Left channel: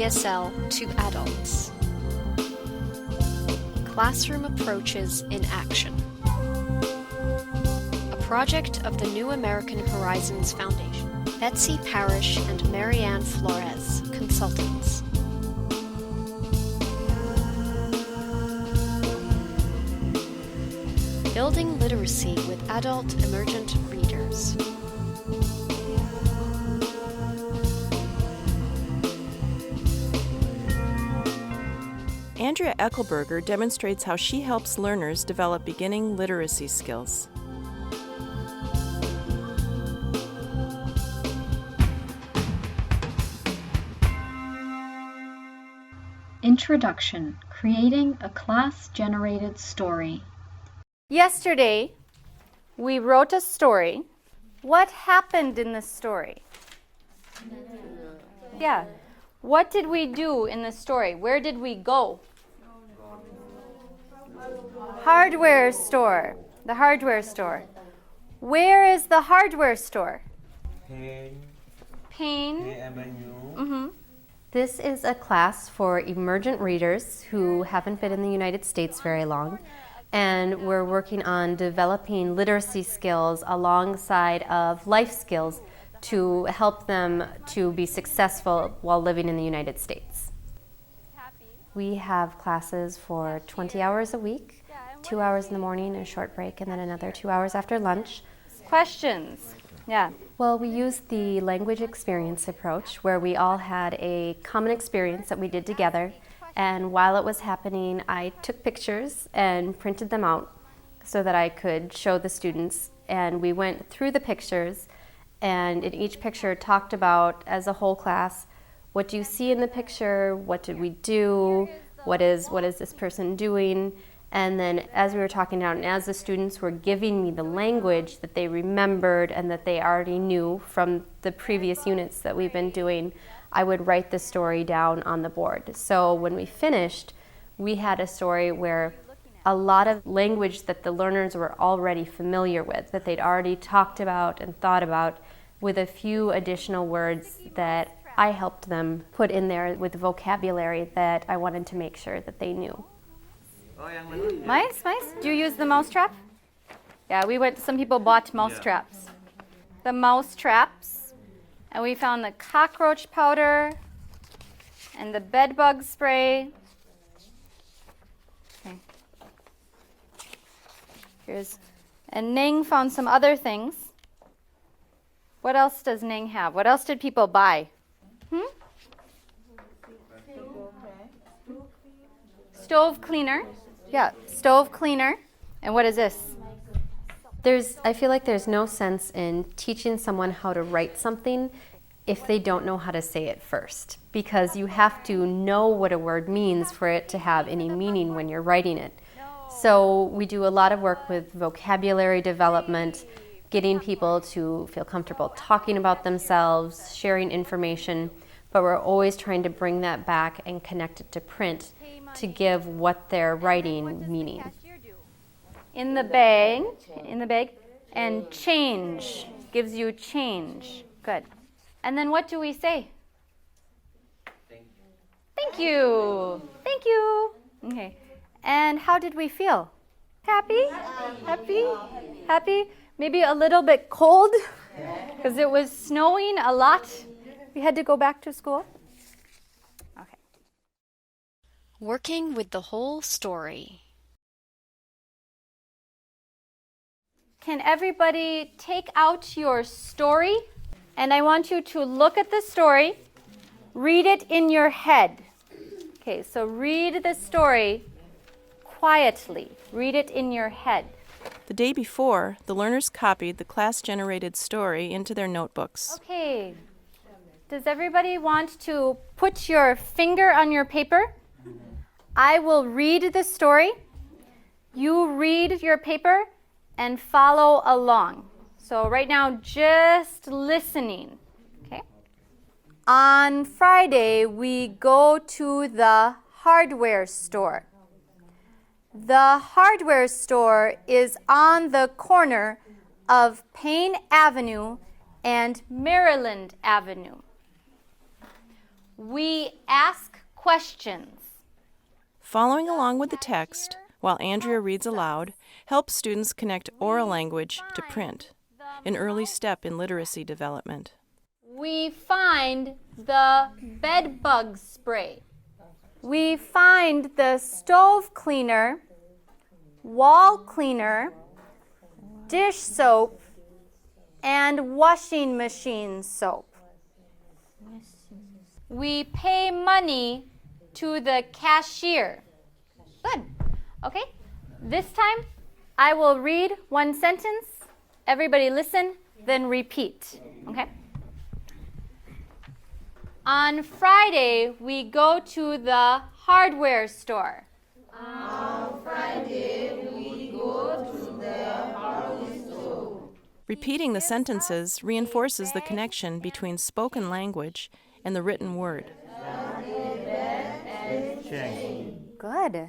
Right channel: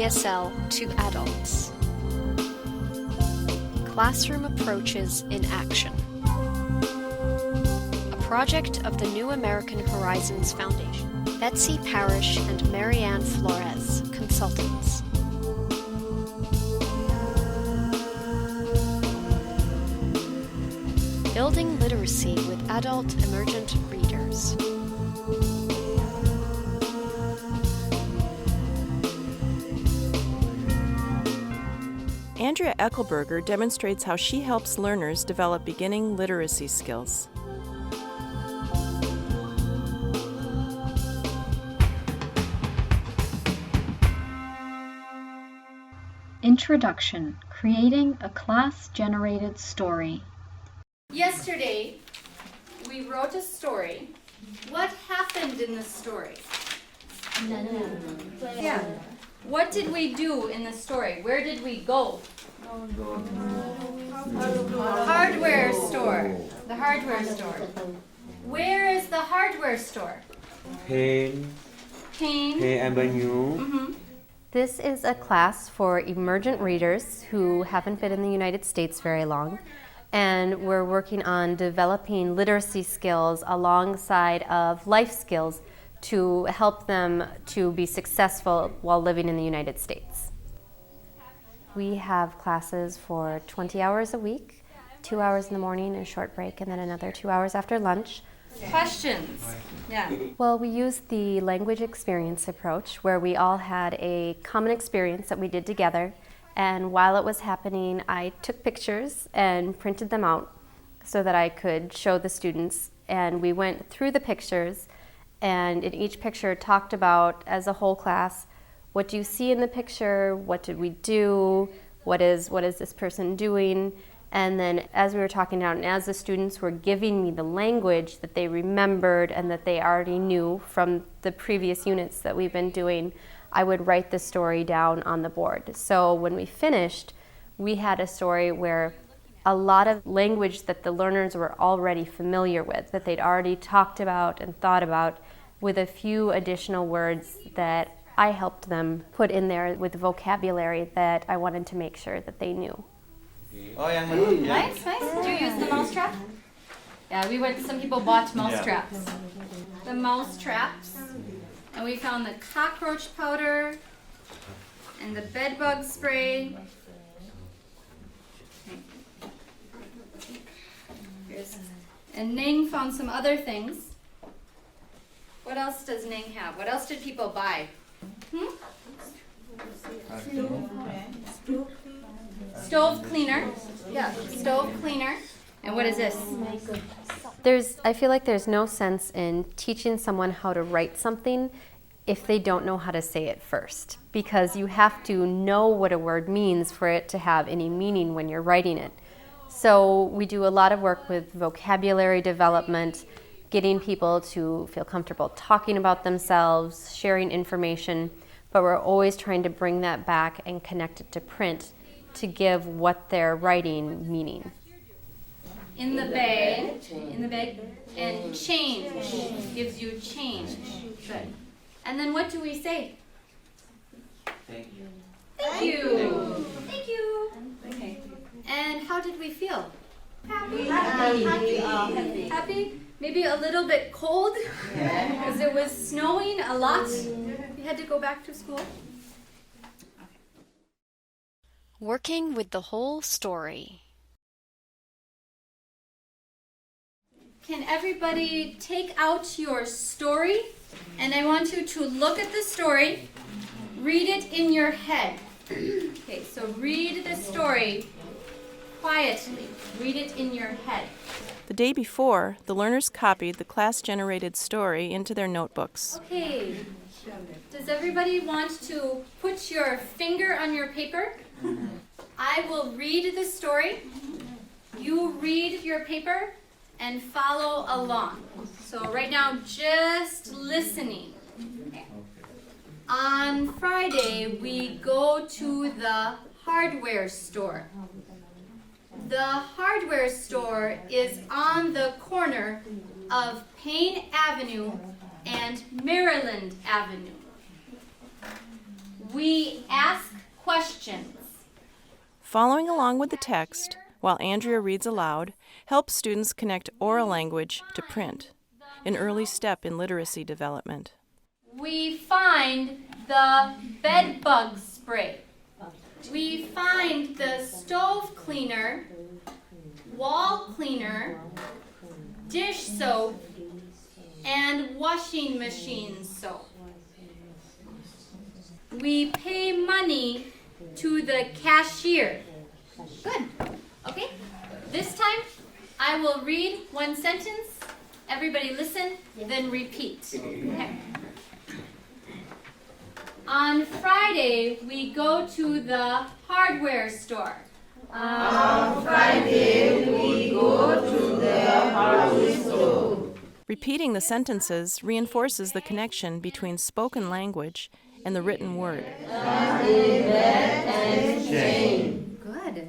ESL to adults. Classroom Approaches in Action. A project of the New American Horizons Foundation. Betsy Parrish and Marianne Flores, consultants. Building literacy with adult emergent readers. Andrea Eckelberger demonstrates how she helps learners develop beginning literacy skills. Introduction: Creating a Class-Generated Story. Yesterday, we wrote a story. What happened in the story? Yeah. What did we do in the story? Where did we go? Hardware store. The hardware store. Where is the hardware store? Pain Avenue. Mm-hmm. This is a class for emergent readers who haven't been in the United States very long, and we're working on developing literacy skills alongside of life skills to help them to be successful while living in the United States. We have classes for 20 hours a week, 2 hours in the morning, a short break, and then another 2 hours after lunch. Questions? Yeah. Well, we used the language experience approach where we all had a common experience that we did together, and while it was happening, I took pictures and printed them out so that I could show the students, and we went through the pictures, and in each picture talked about, as a whole class, what do you see in the picture, what did we do, what is this person doing, and then as we were talking out and as the students were giving me the language that they remembered and that they already knew from the previous units that we've been doing, I would write the story down on the board. So when we finished, we had a story where a lot of language that the learners were already familiar with, that they'd already talked about and thought about, with a few additional words that I helped them put in there with vocabulary that I wanted to make sure that they knew. Nice, nice. Do you use the mouse trap? Yeah, some people bought mouse traps. The mouse traps, and we found the cockroach powder and the bed bug spray. And Ning found some other things. What else does Ning have? What else did people buy? Stove cleaner. Yeah, stove cleaner. And what is this? I feel like there's no sense in teaching someone how to write something if they don't know how to say it first, because you have to know what a word means for it to have any meaning when you're writing it. So we do a lot of work with vocabulary development, getting people to feel comfortable talking about themselves, sharing information, but we're always trying to bring that back and connect it to print to give what they're writing meaning. In the bag, and change, gives you change. Good. And then what do we say? Thank you. Thank you. Okay. And how did we feel? Happy? Happy? Maybe a little bit cold because it was snowing a lot. We had to go back to school. Okay. Working with the whole story. Can everybody take out your story? And I want you to look at the story, read it in your head. Okay, so read the story quietly. Read it in your head. The day before, the learners copied the class-generated story into their notebooks. Okay. Does everybody want to put your finger on your paper? I will read the story. You read your paper and follow along. So right now, just listening. Okay. On Friday, we go to the hardware store. The hardware store is on the corner of Payne Avenue and Maryland Avenue. We ask questions. Following along with the text, while Andrea reads aloud, helps students connect oral language to print, an early step in literacy development. We find the bed bug spray. We find the stove cleaner, wall cleaner, dish soap, and washing machine soap. We pay money to the cashier. Good. Okay. This time, I will read one sentence. Everybody listen, then repeat. Okay. On Friday, we go to the hardware store. On Friday, we go to the hardware store. Repeating the sentences reinforces the connection between spoken language and the written word. Good.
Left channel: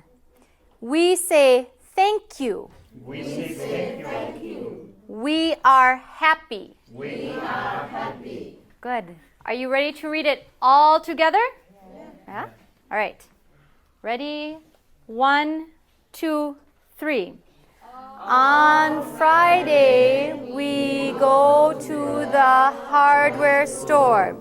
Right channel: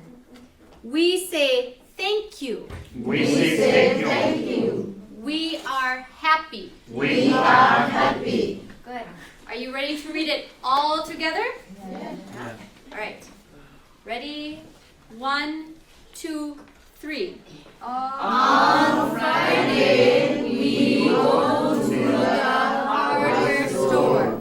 We say thank you. We say thank you. We are happy. We are happy. Good. Are you ready to read it all together? Yeah. All right. Ready? 1, 2, 3. On Friday, we go to the hardware store.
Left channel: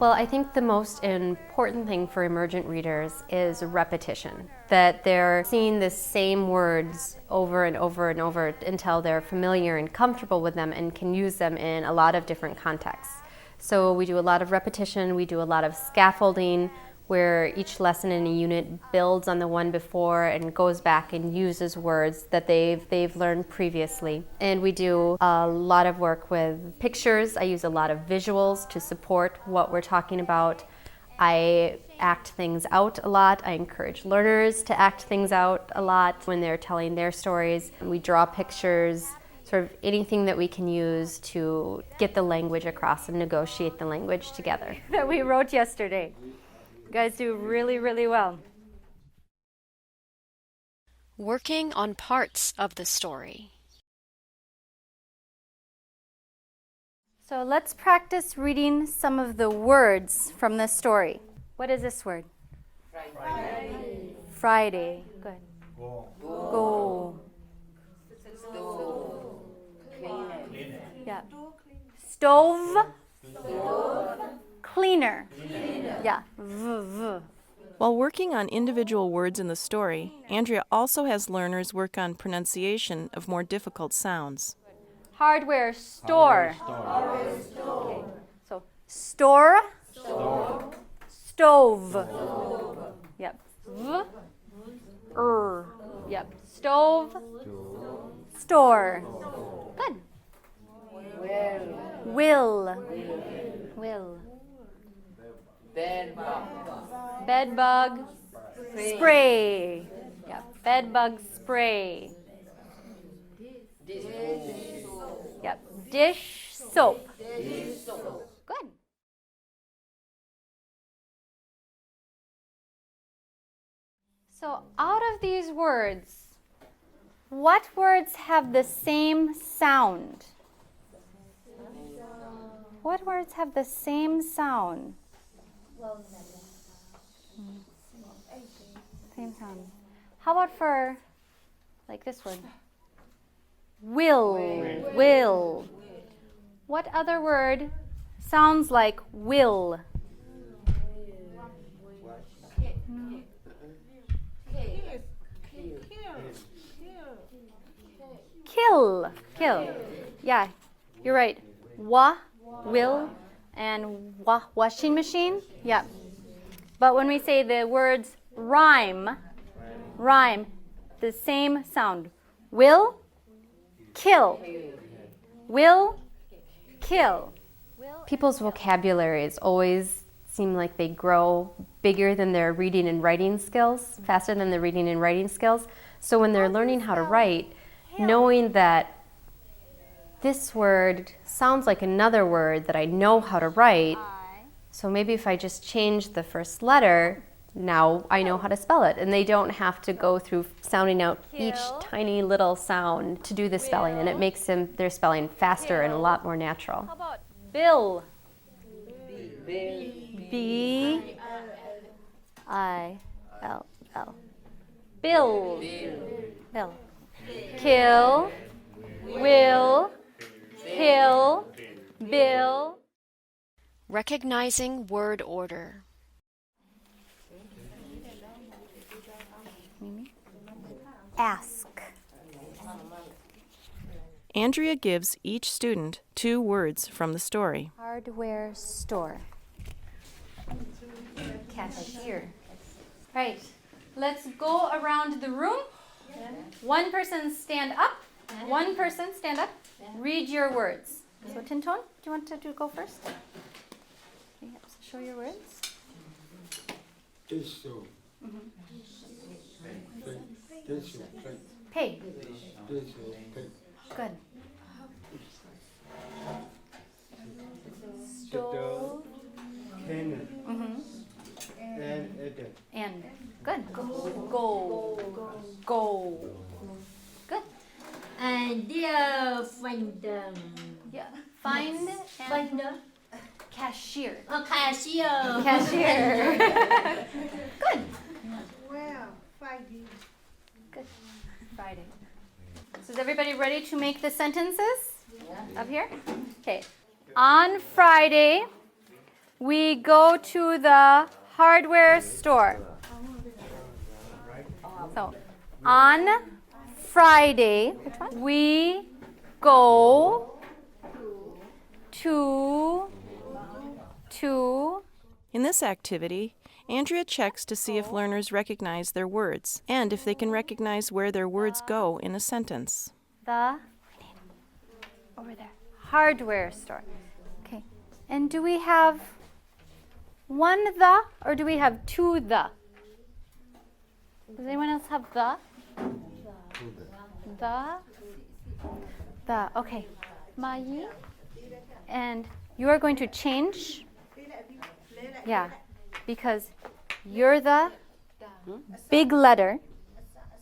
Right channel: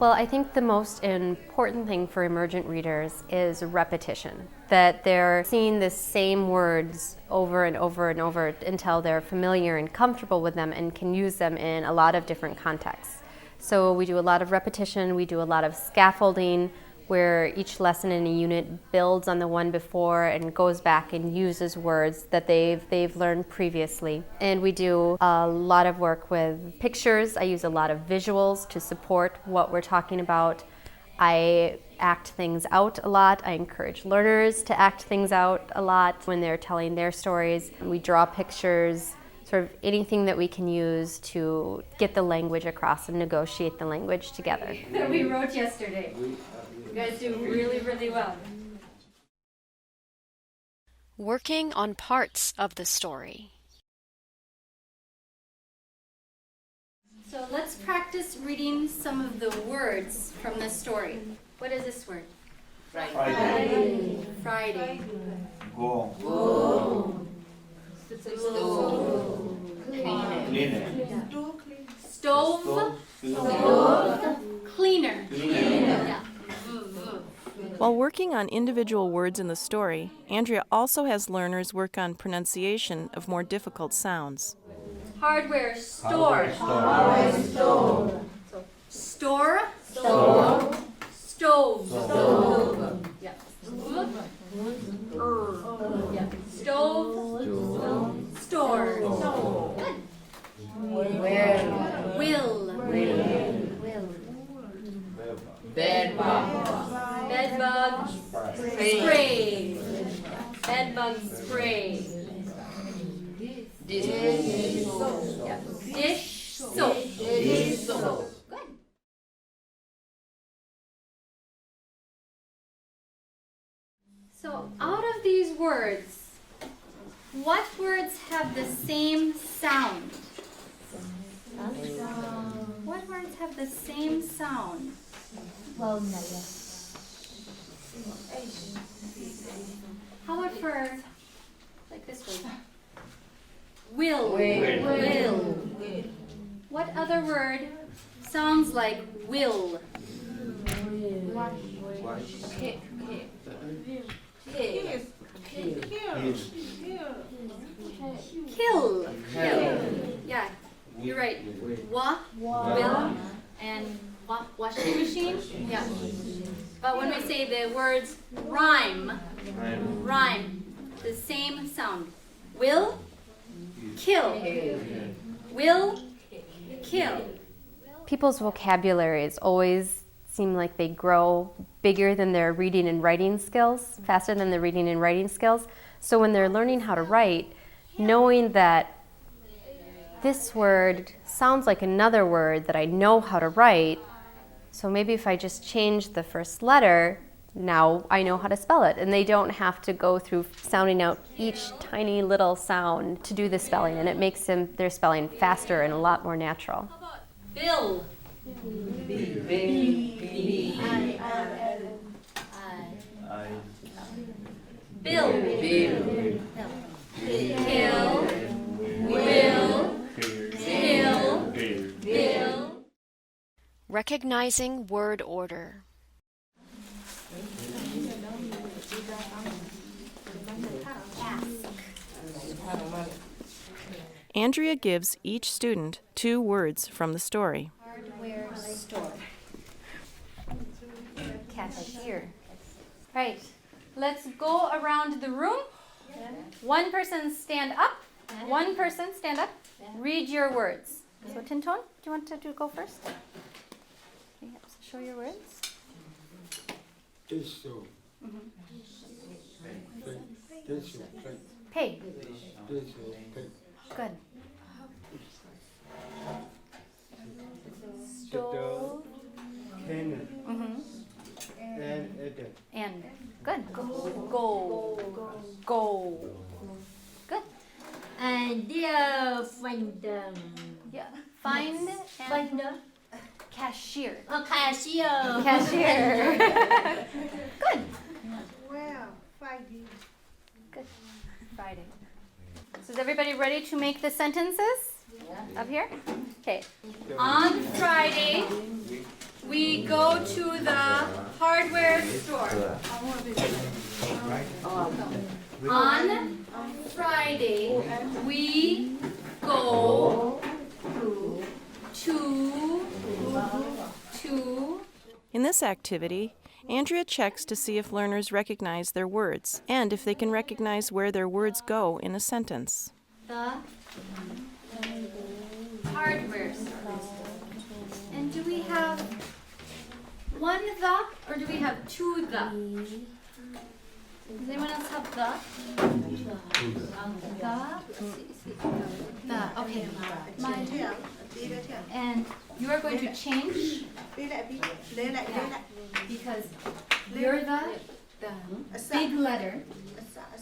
Well, I think the most important thing for emergent readers is repetition, that they're seeing the same words over and over and over until they're familiar and comfortable with them and can use them in a lot of different contexts. So we do a lot of repetition, we do a lot of scaffolding, where each lesson in a unit builds on the one before and goes back and uses words that they've learned previously. And we do a lot of work with pictures. I use a lot of visuals to support what we're talking about. I act things out a lot. I encourage learners to act things out a lot when they're telling their stories. We draw pictures, sort of anything that we can use to get the language across and negotiate the language together. That we wrote yesterday. You guys do really, really well. Working on parts of the story. So let's practice reading some of the words from the story. What is this word? Friday. Friday. Good. Go. Cleaner. Yeah. Stove. Cleaner. Yeah. While working on individual words in the story, Andrea also has learners work on pronunciation of more difficult sounds. Hardware store. So store. Stove. Yeah. Yeah. Stove. Store. Good. Will. Bed bug spray. Bed bug spray. Yeah. Dish soap. Good. So out of these words, what words have the same sound? What words have the same sound? How about for, like this word? Will. What other word sounds like will? Kill. Yeah, you're right. Will, and washing machine. Yeah. But when we say the words rhyme, the same sound. Will, kill. Will, kill. People's vocabularies always seem like they grow bigger than their reading and writing skills, faster than their reading and writing skills. So when they're learning how to write, knowing that this word sounds like another word that I know how to write, so maybe if I just change the first letter, now I know how to spell it. And they don't have to go through sounding out each tiny little sound to do the spelling, and it makes their spelling faster and a lot more natural. Bill. I-L-L. Bill. Bill. Kill. Will. Kill. Bill. Recognizing word order. Ask. Andrea gives each student 2 words from the story. Hardware store. Cashier. Right. Let's go around the room. One person stand up. One person stand up. Read your words. So Tinton, do you want to go first? Okay, show your words. Pay. Good. Stove. And good. Go. Good. And dear find Yeah. Find and cashier. cashier. Cashier. Good. Well, Friday. Good. Friday. So is everybody ready to make the sentences? Up here? Okay. On Friday, we go to the hardware store. So, on Friday, we go to In this activity, Andrea checks to see if learners recognize their words and if they can recognize where their words go in a sentence. the hardware store. Okay. And do we have one the or do we have 2 the? Does anyone else have the? The. Okay. And you are going to change. Yeah. Because you're the big letter,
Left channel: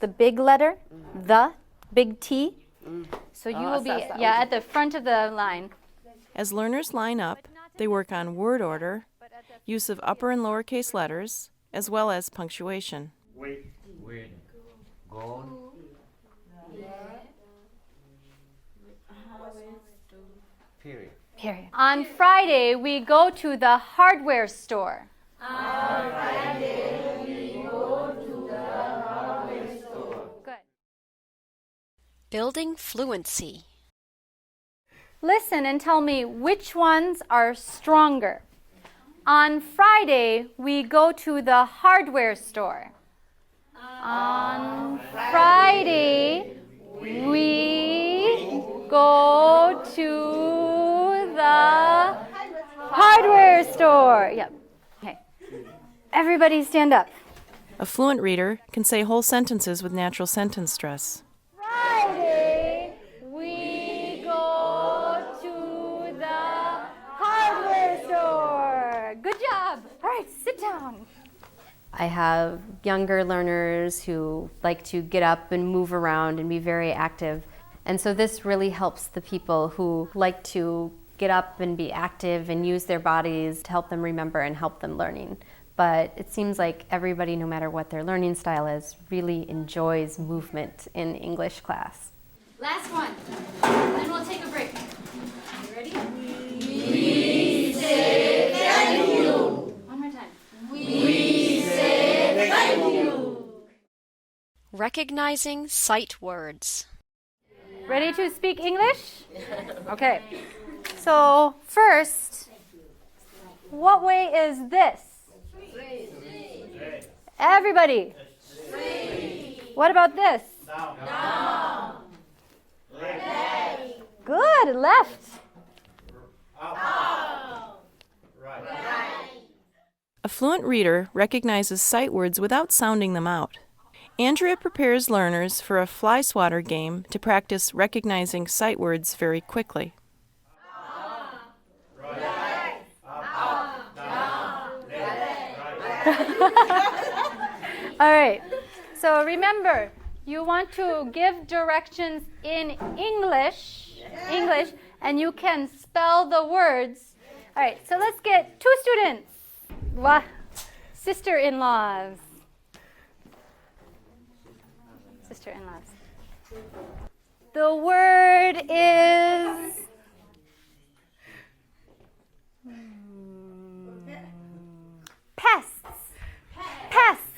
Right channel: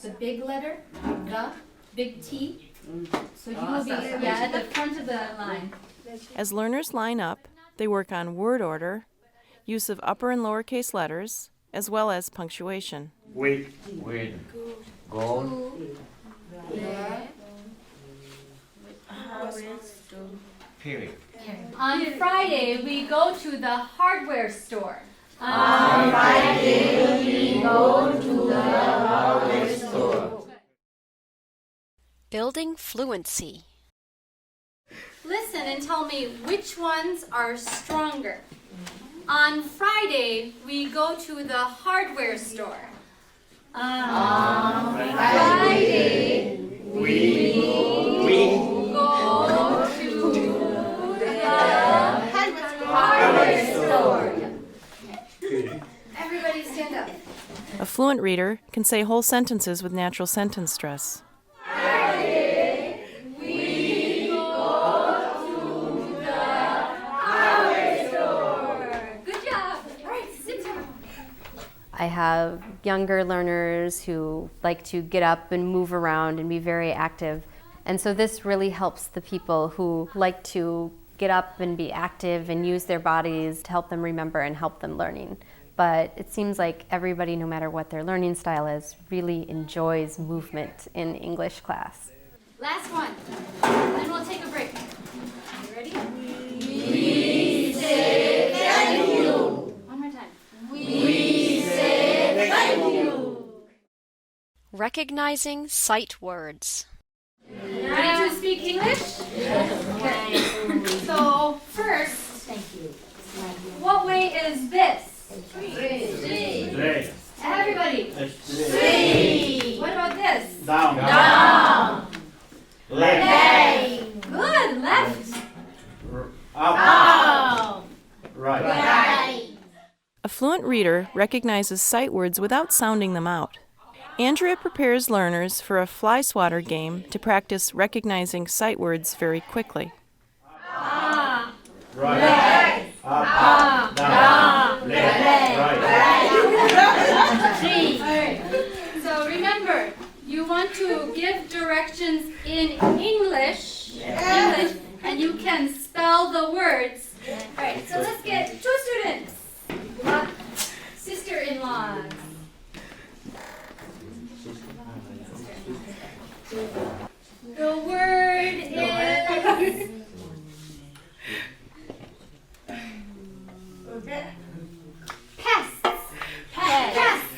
the big letter, the big T. So you will be at the front of the line. As learners line up, they work on word order, use of upper and lowercase letters, as well as punctuation. Wait. Go. Period. On Friday, we go to the hardware store. On Friday, we go to the hardware store. Good. Building fluency. Listen and tell me which ones are stronger. On Friday, we go to the hardware store. On Friday, we go to the hardware store. Yep. Okay. Everybody stand up. A fluent reader can say whole sentences with natural sentence stress. Friday, we go to the hardware store. Good job. All right, sit down. I have younger learners who like to get up and move around and be very active. And so this really helps the people who like to get up and be active and use their bodies to help them remember and help them learning. But it seems like everybody, no matter what their learning style is, really enjoys movement in English class. Last one, then we'll take a break. You ready? We say thank you. One more time. We say thank you. Recognizing sight words. Ready to speak English? Okay. So first, what way is this? Everybody. What about this? Down. Left. Good. Left. Up. Right. A fluent reader recognizes sight words without sounding them out. Andrea prepares learners for a fly swatter game to practice recognizing sight words very quickly. Right. Up. Down. Left. Right. All right. So remember, you want to give directions in English, and you can spell the words. All right. So let's get 2 students. Sister-in-laws. The word is pests. Pests.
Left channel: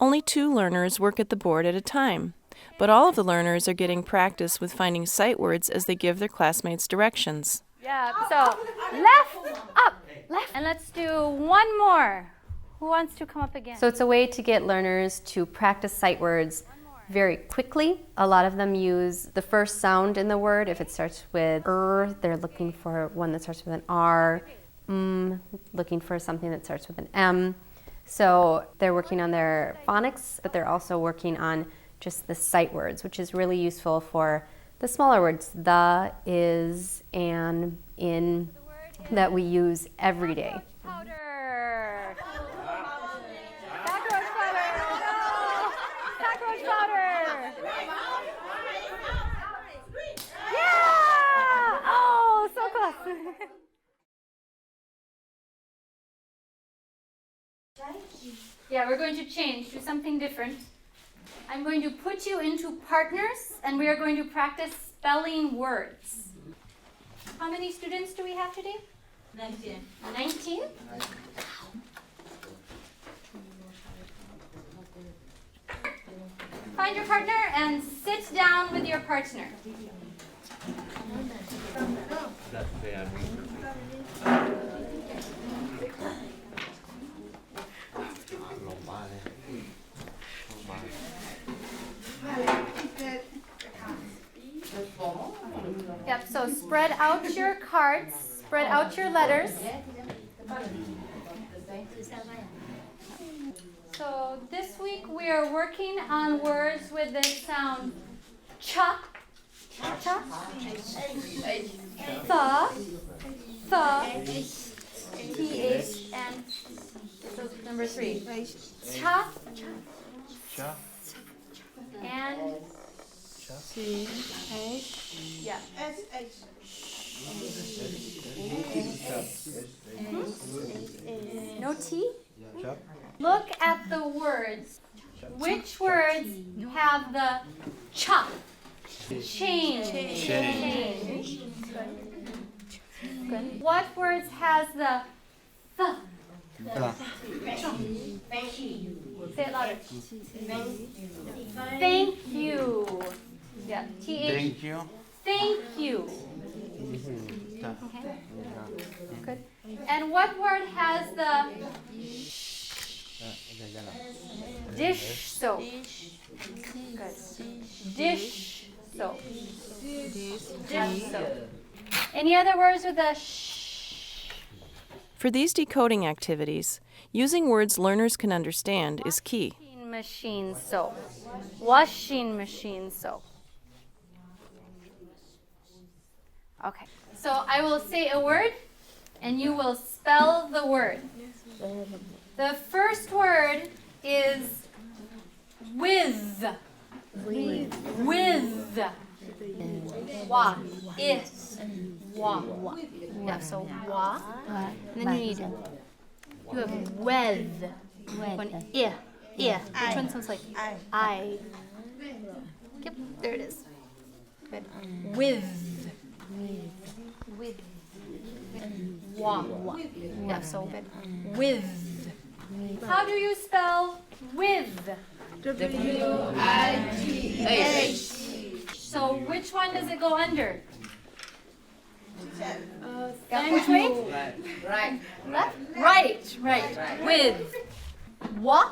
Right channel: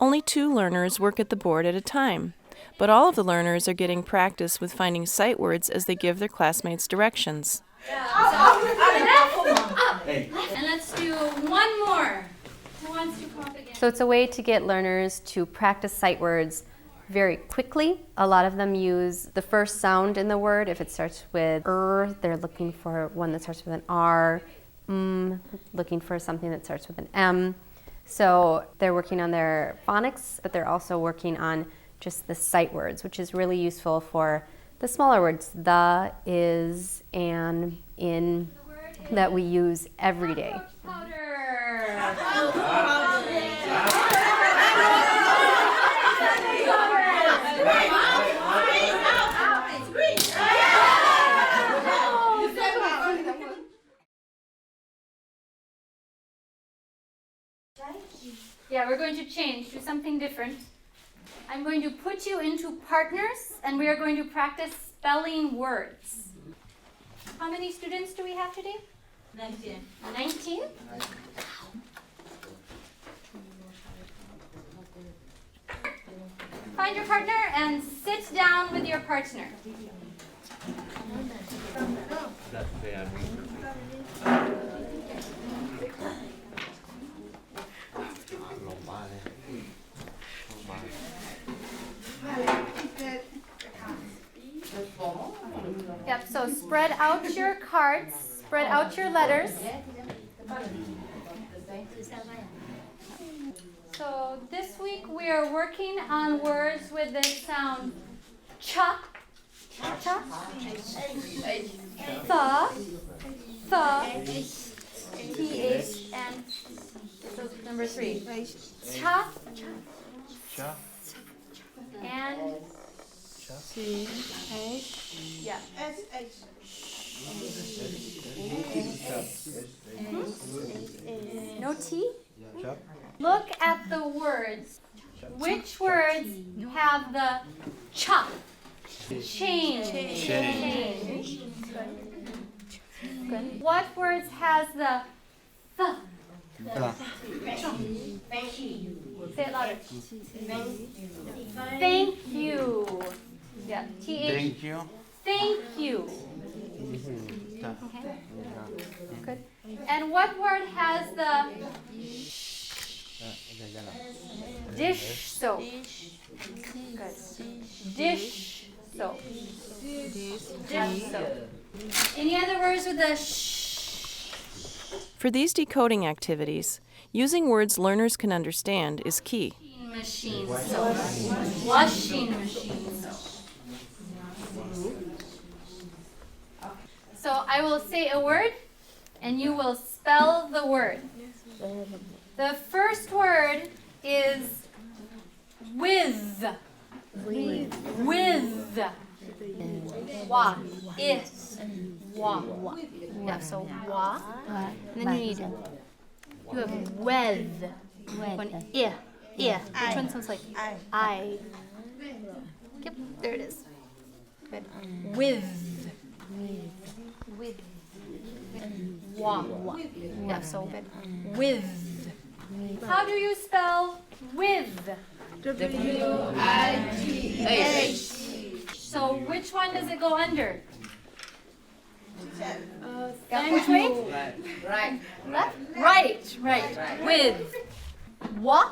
Only 2 learners work at the board at a time, but all of the learners are getting practice with finding sight words as they give their classmates directions. Yeah, so left, up, left. And let's do one more. Who wants to come up again? So it's a way to get learners to practice sight words very quickly. A lot of them use the first sound in the word. If it starts with they're looking for one that starts with an R. Looking for something that starts with an M. So they're working on their phonics, but they're also working on just the sight words, which is really useful for the smaller words, the, is, and, in, that we use every day. Yeah, we're going to change to something different. I'm going to put you into partners, and we are going to practice spelling words. How many students do we have today? 19. 19? Find your partner and sit down with your partner. Yep, so spread out your cards, spread out your letters. So this week we are working on words with the sound cha, cha, th, and so number 3. Cha, and yeah. No T? Look at the words. Which words have the cha? Change. Change. Good. What words has the th? Say it louder. Thank you. Yeah. Th. Thank you. Thank you. Okay. Good. And what word has the dish soap? Good. Dish soap. Dish soap. Any other words with the sh? For these decoding activities, using words learners can understand is key. Machine soap. Washing machine soap. Okay. So I will say a word and you will spell the word. The first word is with. With. Wa. Is. Wa. Yeah, so wa. And then you have with. One I. I. Which one sounds like I? Yep, there it is. Good. With. With. Wa. Yeah, so good. With. How do you spell with? W-I-T-H. So which one does it go under? Which way? Right. Left? Right. Right. With. Wa.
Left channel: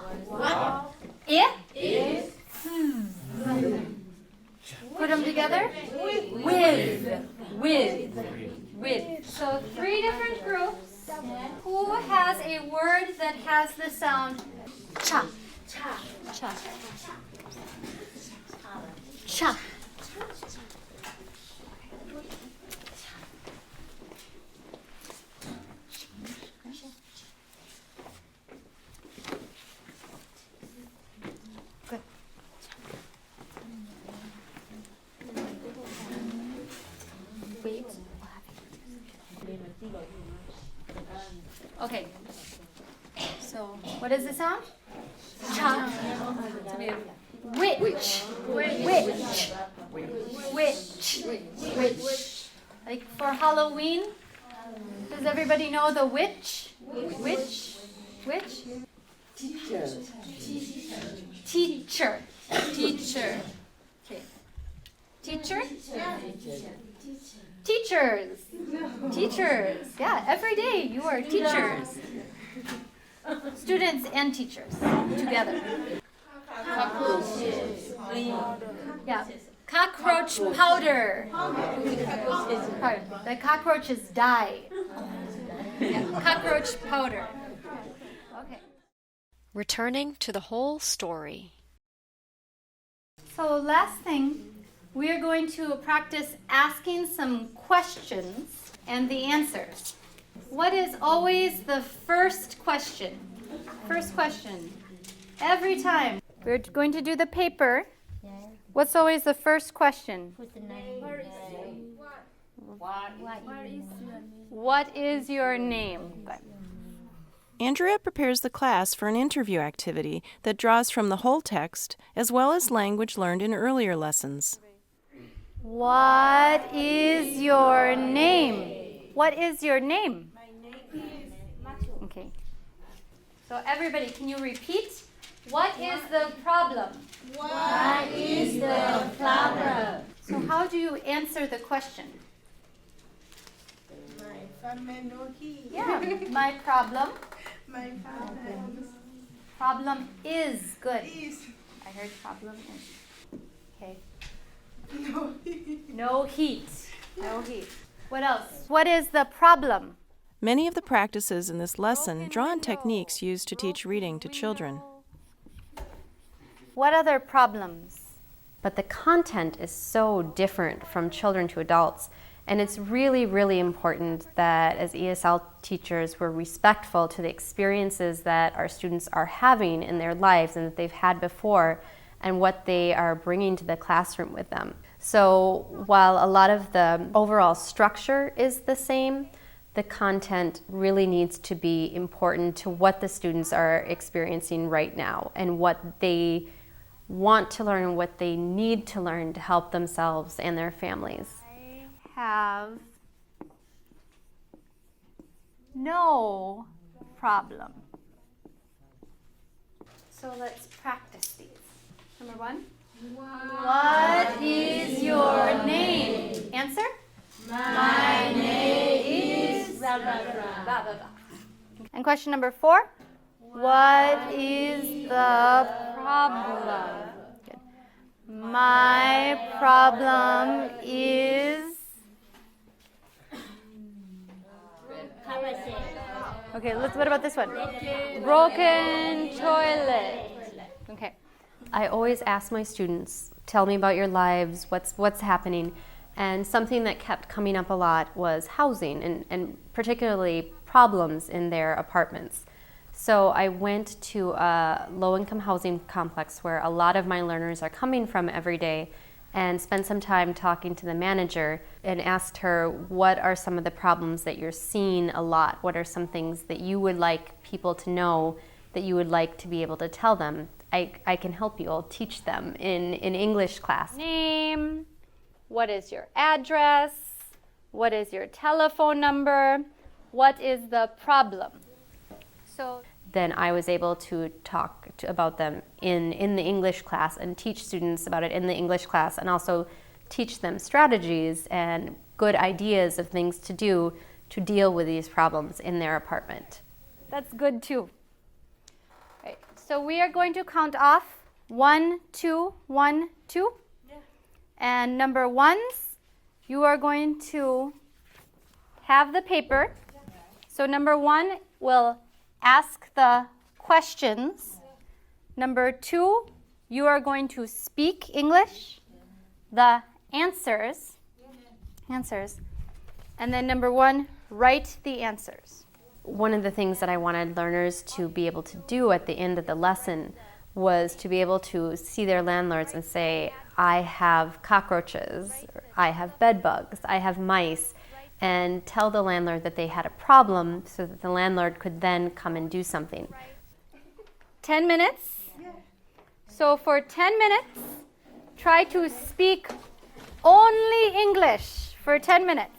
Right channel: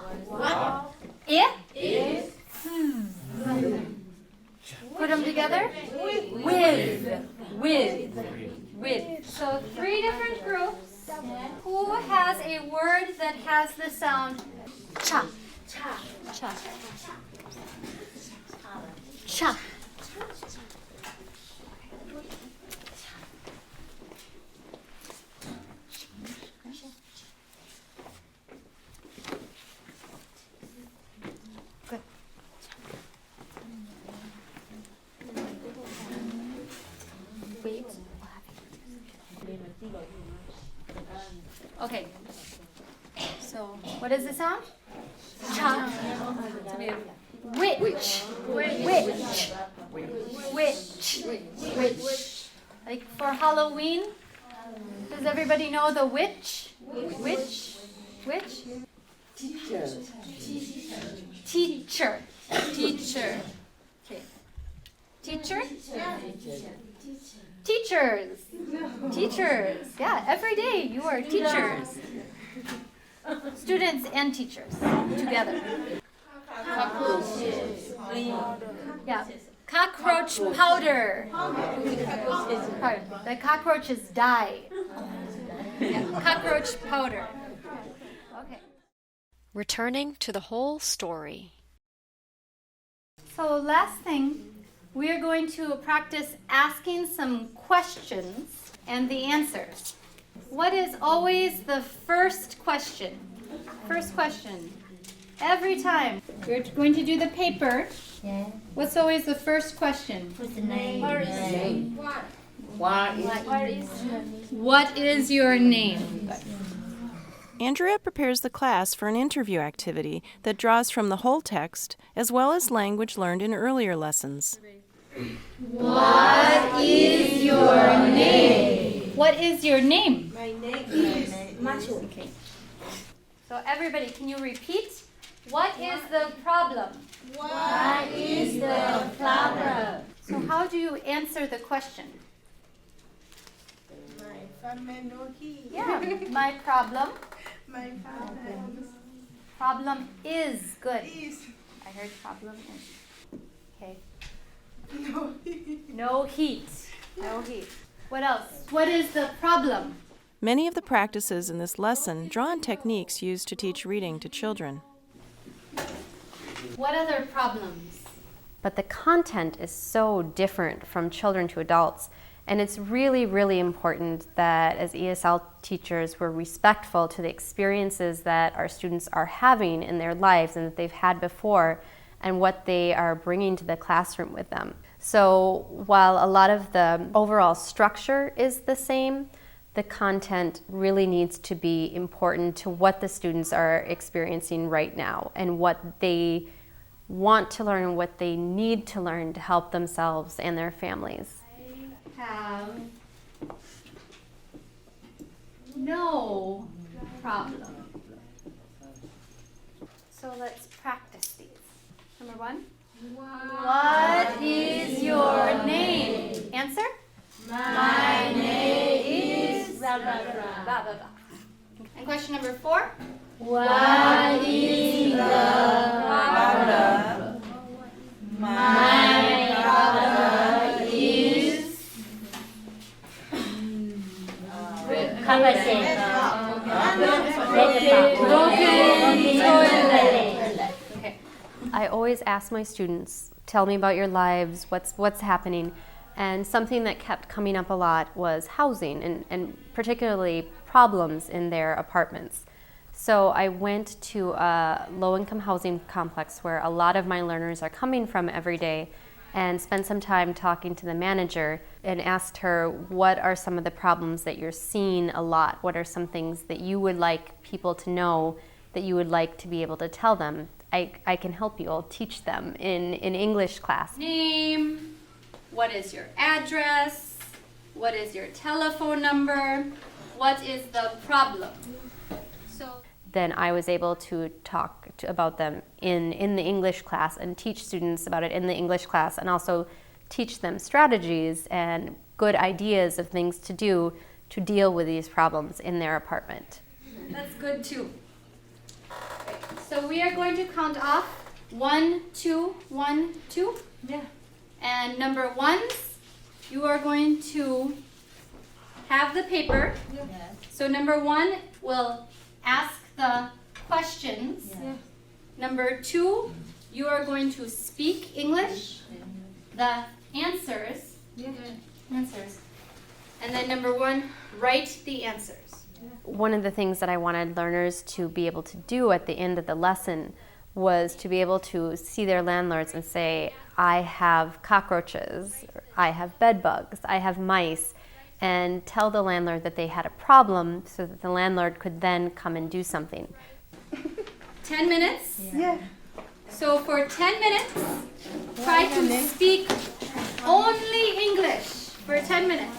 I. Is. Put them together. With. So 3 different groups. Who has a word that has the sound cha? Cha. Cha. Good. Wait. Okay. So, what is the sound? Cha. Which. Like for Halloween, does everybody know the witch? Which? Teacher. Okay. Teacher? Teachers. Yeah, every day you are teachers. Students and teachers together. Yeah. Cockroach powder. The cockroaches die. Yeah. Cockroach powder. Okay. Returning to the whole story. So last thing, we are going to practice asking some questions and the answers. What is always the first question? First question. Every time. We're going to do the paper. What's always the first question? What is your name? Andrea prepares the class for an interview activity that draws from the whole text as well as language learned in earlier lessons. What is your name? What is your name? My name is Machu. Okay. So everybody, can you repeat? What is the problem? What is the problem? So how do you answer the question? My family no key. Yeah, my problem. My problem Problem is good. is I heard problem is. Okay. no. No heat. No heat. What else? What is the problem? Many of the practices in this lesson draw on techniques used to teach reading to children. What other problems? But the content is so different from children to adults. And it's really, really important that as ESL teachers, we're respectful to the experiences that our students are having in their lives and that they've had before and what they are bringing to the classroom with them. So while a lot of the overall structure is the same, the content really needs to be important to what the students are experiencing right now and what they want to learn and what they need to learn to help themselves and their families. Have no problem. So let's practice these. Number one. What is your name? Answer? My name is Blah, blah, blah. And question number 4. What is the problem? My problem is okay, let's put on this one. Broken toilet. Okay. I always ask my students, tell me about your lives, what's happening. And something that kept coming up a lot was housing and particularly problems in their apartments. So I went to a low-income housing complex where a lot of my learners are coming from every day and spent some time talking to the manager and asked her, what are some of the problems that you're seeing a lot? What are some things that you would like people to know, that you would like to be able to tell them? I can help you, I'll teach them in English class. Name. What is your address? What is your telephone number? What is the problem? So then I was able to talk about them in the English class and teach students about it in the English class and also teach them strategies and good ideas of things to do to deal with these problems in their apartment. that's good too. Okay, so we are going to count off 1, 2, 1, 2. Yeah. And number 1s, you are going to have the paper. So number 1 will ask the questions Number 2, you are going to speak English. The answers. And then number 1, write the answers. One of the things that I wanted learners to be able to do at the end of the lesson was to be able to see their landlords and say, I have cockroaches, or I have bed bugs, I have mice, and tell the landlord that they had a problem so that the landlord could then come and do something. 10 minutes? Yeah. So for 10 minutes, try to speak only English for 10 minutes.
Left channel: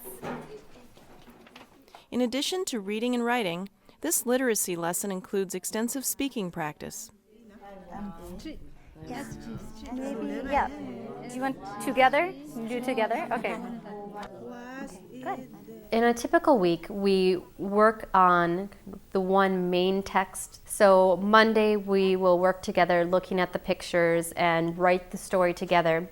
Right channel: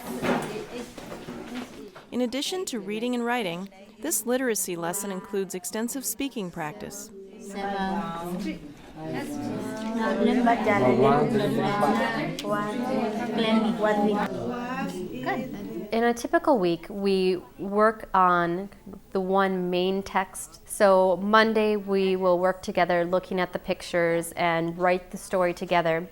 In addition to reading and writing, this literacy lesson includes extensive speaking practice. Together? Do together? Okay. Good. In a typical week, we work on the one main text. So Monday, we will work together looking at the pictures and write the story together.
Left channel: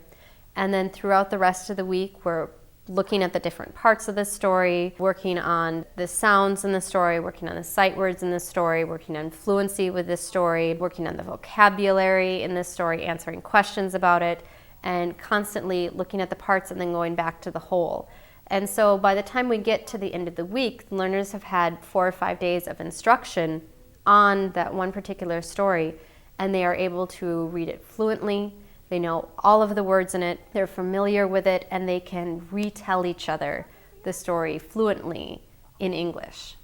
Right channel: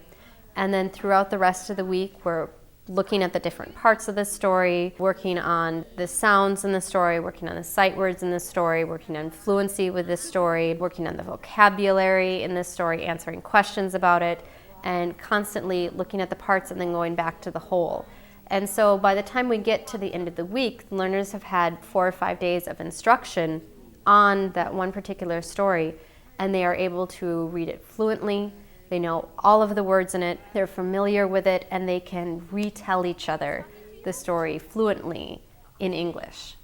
And then throughout the rest of the week, we're looking at the different parts of the story, working on the sounds in the story, working on the sight words in the story, working on fluency with this story, working on the vocabulary in this story, answering questions about it, and constantly looking at the parts and then going back to the whole. And so by the time we get to the end of the week, learners have had 4 or 5 days of instruction on that one particular story, and they are able to read it fluently. They know all of the words in it, they're familiar with it, and they can retell each other the story fluently in English.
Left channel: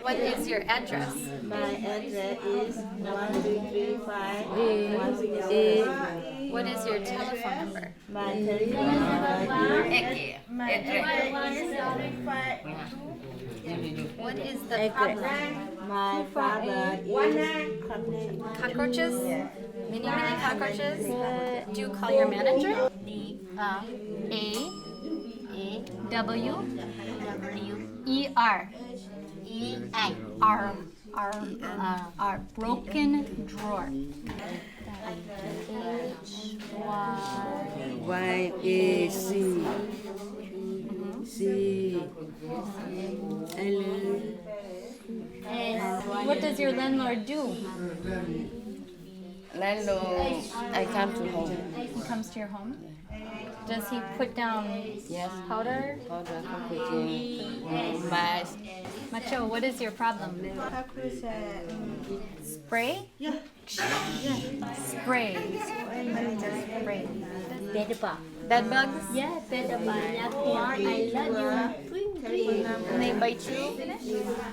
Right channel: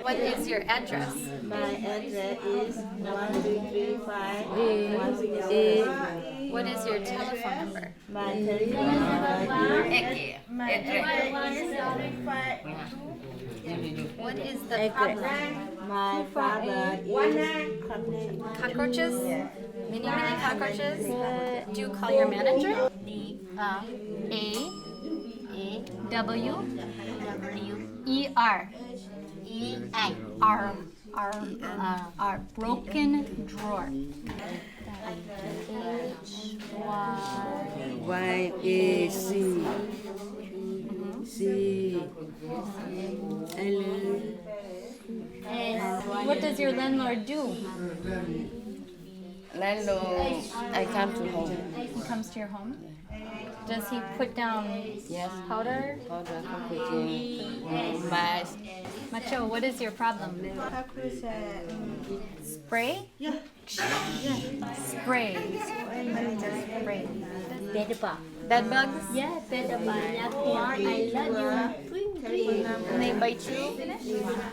What is your address? My address is 1235 What is your telephone number? My telephone What is the problem? My father is Cockroaches? Many cockroaches? Do you call your manager? A-W-E-R. R. Broken drawer. Y-A-C What does your landlord do? Landlord, I come to home. He comes to your home? Does he put down powder? Powder cooking. Mice. Macho, what is your problem? Spray? Yeah. Spray. Spray. Bed bugs? Yeah, better by I love you. And they bite you?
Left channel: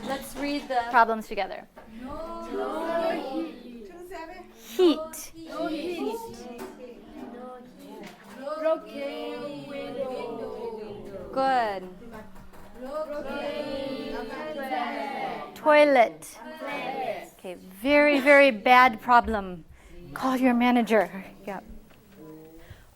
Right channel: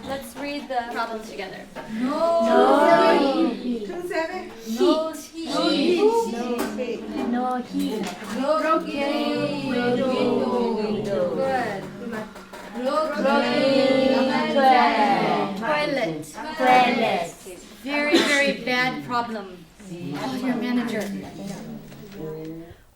Let's read the problems together. No heat. Good. Toilet. Okay, very, very bad problem. Call your manager. Yeah.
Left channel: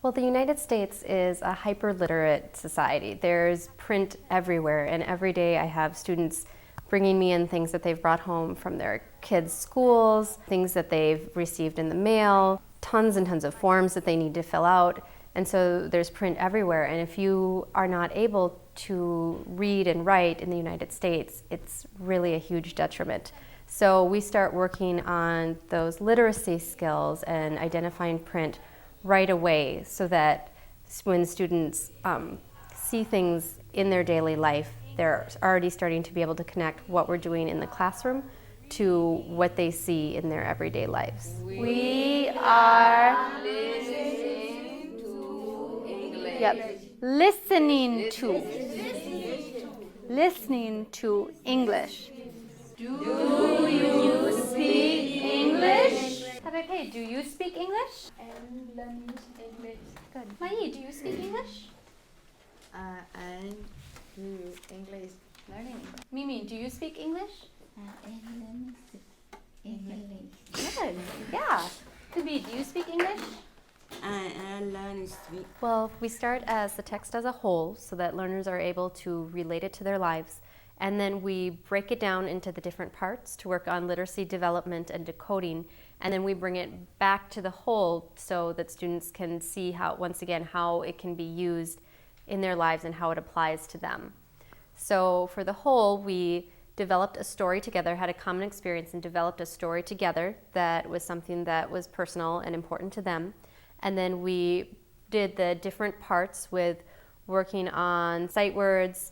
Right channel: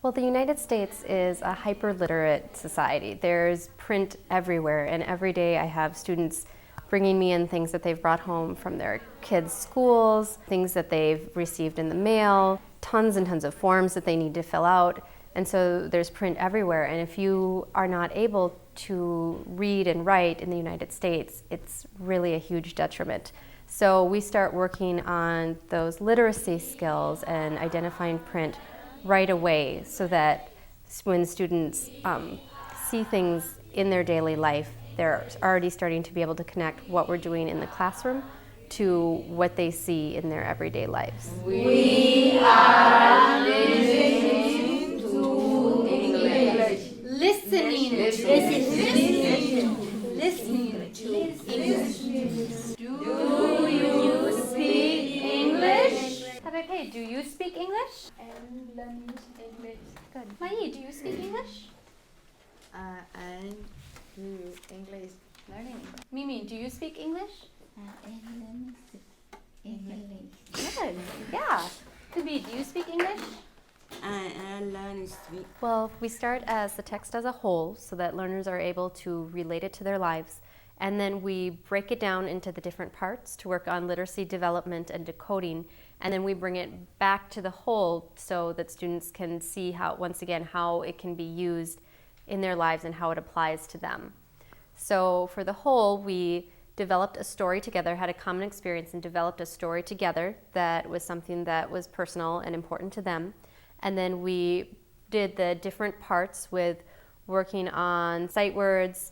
Well, the United States is a hyper-literate society. There's print everywhere, and every day I have students bringing me in things that they've brought home from their kids' schools, things that they've received in the mail, tons and tons of forms that they need to fill out. And so there's print everywhere, and if you are not able to read and write in the United States, it's really a huge detriment. So we start working on those literacy skills and identifying print right away so that when students see things in their daily life, they're already starting to be able to connect what we're doing in the classroom to what they see in their everyday lives. We are listening to English. Listening to English. Do you speak English? Tabepe, do you speak English? And learn English. Good. Mai, do you speak English? I do English. Learning. Mimi, do you speak English? English. Good. Yeah. Kubi, do you speak English? I learn to speak. Well, we start as the text as a whole so that learners are able to relate it to their lives. And then we break it down into the different parts to work on literacy development and decoding. And then we bring it back to the whole so that students can see how, once again, how it can be used in their lives and how it applies to them. So for the whole, we developed a story together, had a common experience and developed a story together that was something that was personal and important to them. And then we did the different parts with working on sight words,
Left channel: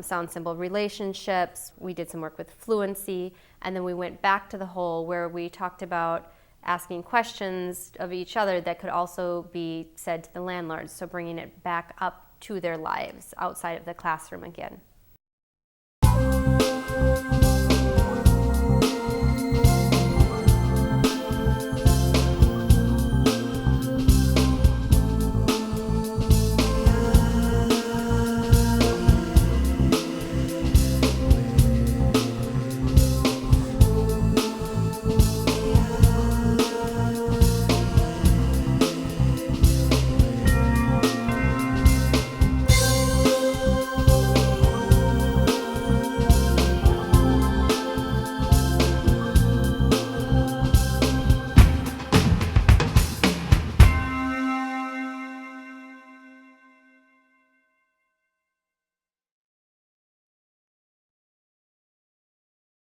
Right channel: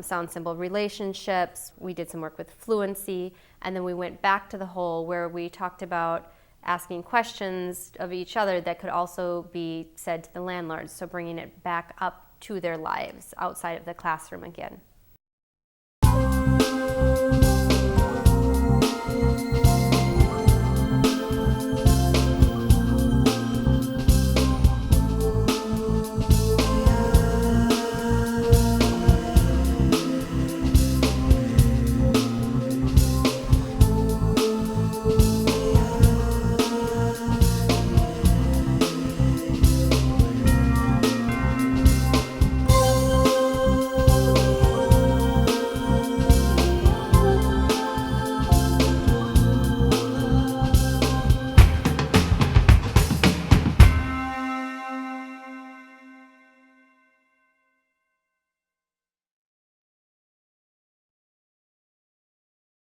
sound symbol relationships. We did some work with fluency, and then we went back to the whole where we talked about asking questions of each other that could also be said to the landlords, so bringing it back up to their lives outside of the classroom again.